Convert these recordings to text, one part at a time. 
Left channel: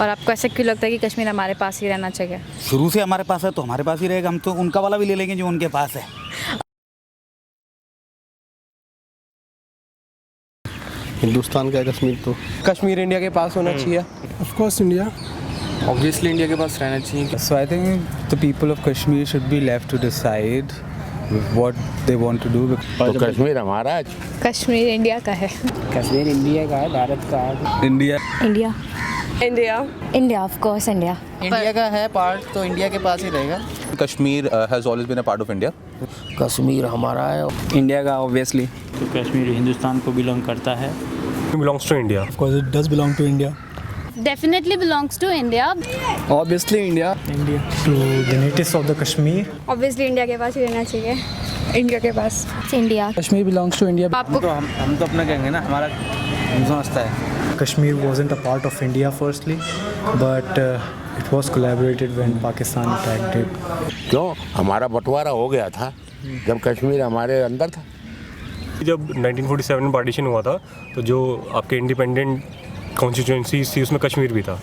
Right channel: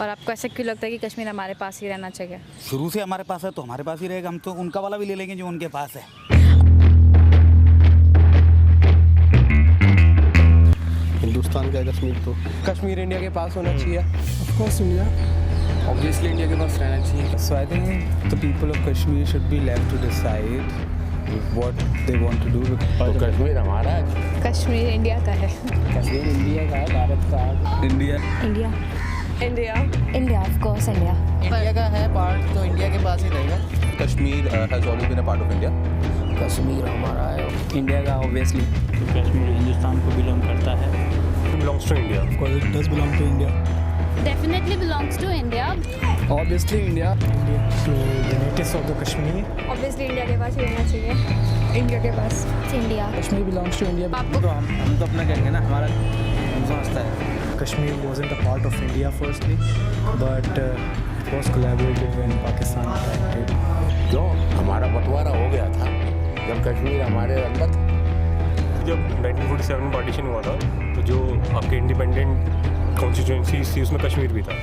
और आपको ऐसा क्यों लगता है कि कश्मीर हमारे पास ही रहना चाहिए? शुरू से हमारे पास है तो हमारे पास ही रहेगा। हम तो उनका वाला भी ले लेंगे जो उनके पास है। हिंदुस्तान का है कश्मीर, तो कश्मीर इंडिया के पास होना चाहिए। Of course India, obviously India के पास रहना चाहिए। So I think the people of Kashmir should be left to decide what they want to do. तो कश्मीर हमारा है। कश्मीर इंडिया का है। कश्मीर इंडिया का है, भारत का है। India. India India India of course India. India का है पार्ट, तो इंडिया के पास ही रहेगा। Kashmir has always been a part of India. Kashmir हमारा है। इंडिया का ऑब्वियसली। तो कश्मीर हिंदुस्तान को बिलोंग करता है। Belongs to India. Of course it does belong to India. Definitely belongs to India. Obviously India. India to the natives of the Kashmir. Obviously India के पास ही रहना चाहिए। इंडिया के पास India. Kashmir belongs to India. आपको तो हम तो अपना कहेंगे ना, हमारा हम समझता है। Kashmir wasn't a part of India firstly, but it was collaborated when Pakistan attacked it. क्यों हमारा बंटवारा हो गया था जब कश्मीर हमारे अंदर था। जब 1947 में पार्टीशन हुआ था तो जो आपके इंडिपेंडेंट कॉन्स्टिट्यूंसी थी उसमें कश्मीर भी था।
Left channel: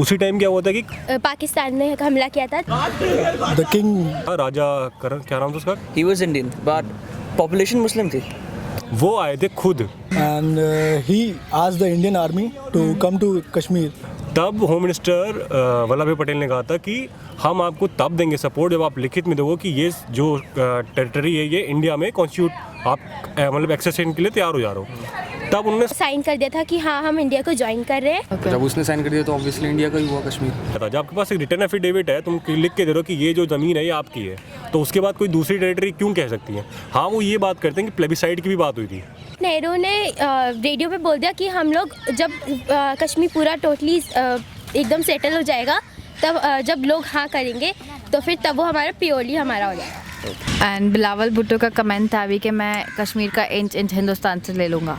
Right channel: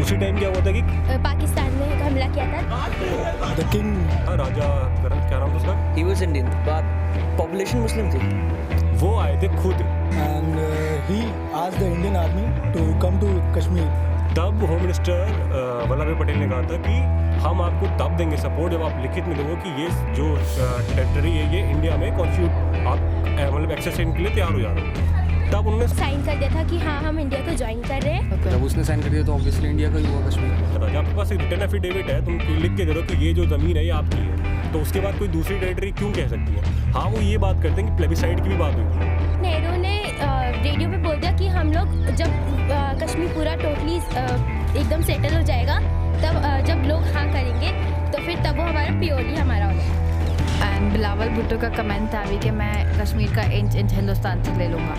उसी टाइम क्या हुआ था कि पाकिस्तान ने हमला किया था। The king राजा करण, क्या नाम था उसका, he was Indian but population Muslim थी। वो आए थे खुद। and he asked the Indian army to come to Kashmir. तब होम मिनिस्टर वल्लभ भाई पटेल ने कहा था कि हम आपको तब देंगे सपोर्ट जब आप लिखित में दोगे कि ये जो टेरिटरी है ये इंडिया में कॉन्स्टिट्यूट आप मतलब एक्सेशन के लिए तैयार हो जा रहे हो। तब उन्होंने साइन कर दिया था कि हाँ हम इंडिया को ज्वाइन कर रहे हैं। जब उसने साइन कर दिया तो ऑब्वियसली इंडिया का ही हुआ कश्मीर। जब आपके पास एक रिटर्न एफिडेविट है, तुम लिख के दे रहे हो कि ये जो ज़मीन है ये आपकी है, तो उसके बाद कोई दूसरी टेरिटरी क्यों कह सकती है? हाँ, वो ये बात करते हैं कि प्लेबिसाइड की भी बात हुई थी। नेहरू ने रेडियो पे बोल दिया कि हम लोग जब कश्मीर पूरा टोटली एकदम सेटल हो जाएगा तब जब लोग हाँ करेंगे तो फिर तब वो हमारा प्योरली हमारा हो जाएगा। एंड बिलावल भुट्टो का कमेंट था अभी कि मैं कश्मीर का इंच इंच हिंदुस्तान से ले लूँगा।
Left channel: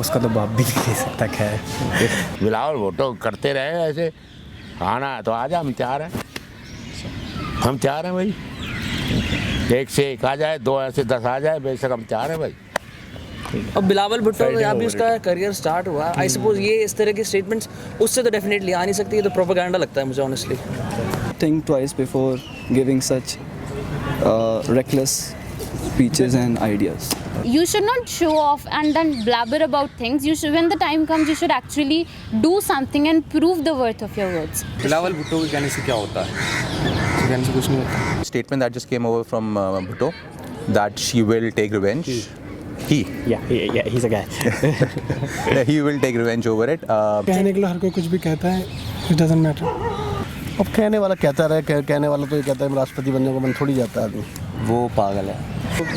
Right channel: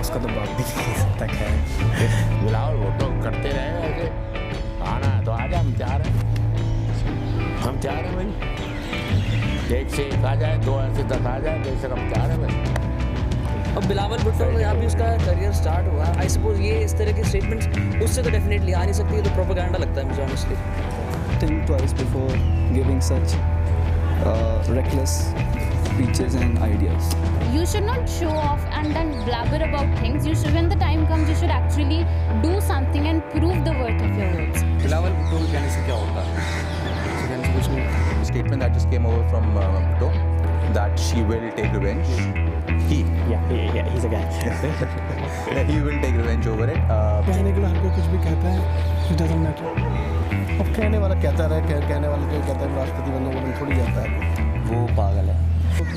उसका तो बाप भी नहीं तक है। बिलावल भुट्टो करते रहे ऐसे। आना है तो आजा, हम तैयार हैं। हम तैयार हैं भाई। एक से एक आ जाए, दो ऐसे 10 आ जाए, बेशक हम तैयार हैं भाई। अब बिलावल भुट्टो का यहाँ भी उसका करियर स्टार्ट हुआ। आई सपोज ये इस तरह के स्टेटमेंट्स उससे तो डेफिनेटली आ नहीं सकती। ये तो प्रोपेगेंडा लगता है मुझे honestly. Think twice before giving such reckless speeches and ideas. You should not show off and then blabber about things. You should, when the time comes, you should actually do something and prove the worth of your words. Bilawal Bhutto के कहने से क्या होता है? उसके कहने से कुछ नहीं होता। Statement that just came over from Bhutto that she will take revenge. he's a guy. He will take revenge over it. कहने के लिए हर कोई कुछ भी कहता है, it doesn't matter. अब कहने वाला कहता रहे, कहने वाला तो ये कहता है राष्ट्रपति बनने को मन थोड़ी जाता है आदमी। वो पागल है।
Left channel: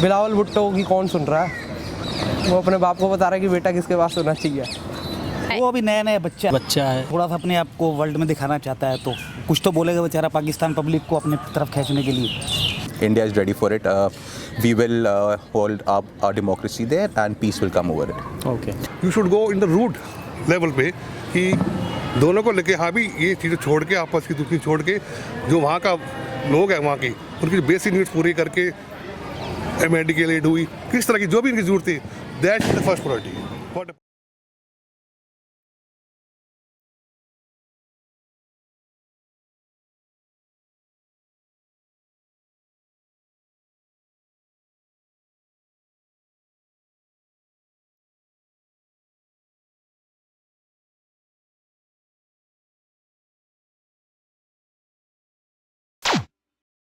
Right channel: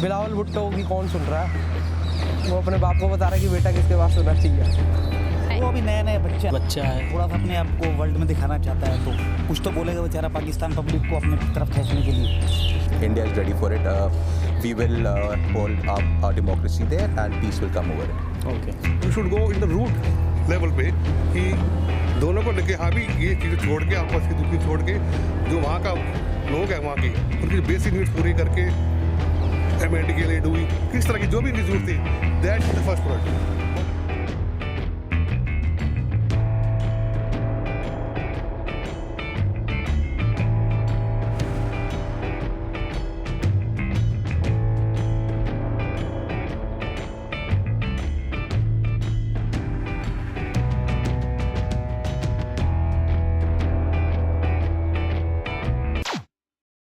बिलावल भुट्टो की कौन सुन रहा है? वो अपने बाप को बता रहा है कि बेटा किसके पास होना चाहिए। वो अभी नया बच्चा है। थोड़ा सा अपने आप को वर्ल्ड में दिखाना चाहता है तो कुछ तो बोलेगा बेचारा पाकिस्तान पब्लिक को अपने तरफ खींचने के लिए। India is ready for it. We will hold up our democracy there and peace will come over it. Okay. You should go in the root level पे कि दोनों को लेके हाँ भी ये चीज़ें छोड़ के, आपस की दुखी छोड़ के, जो वहाँ का लोग हैं वहाँ के, उनकी बेसिक नीड्स पूरी करके MND के लिए डूई किस तरह की जो भी इनकी जरूरत थी, that is the first priority.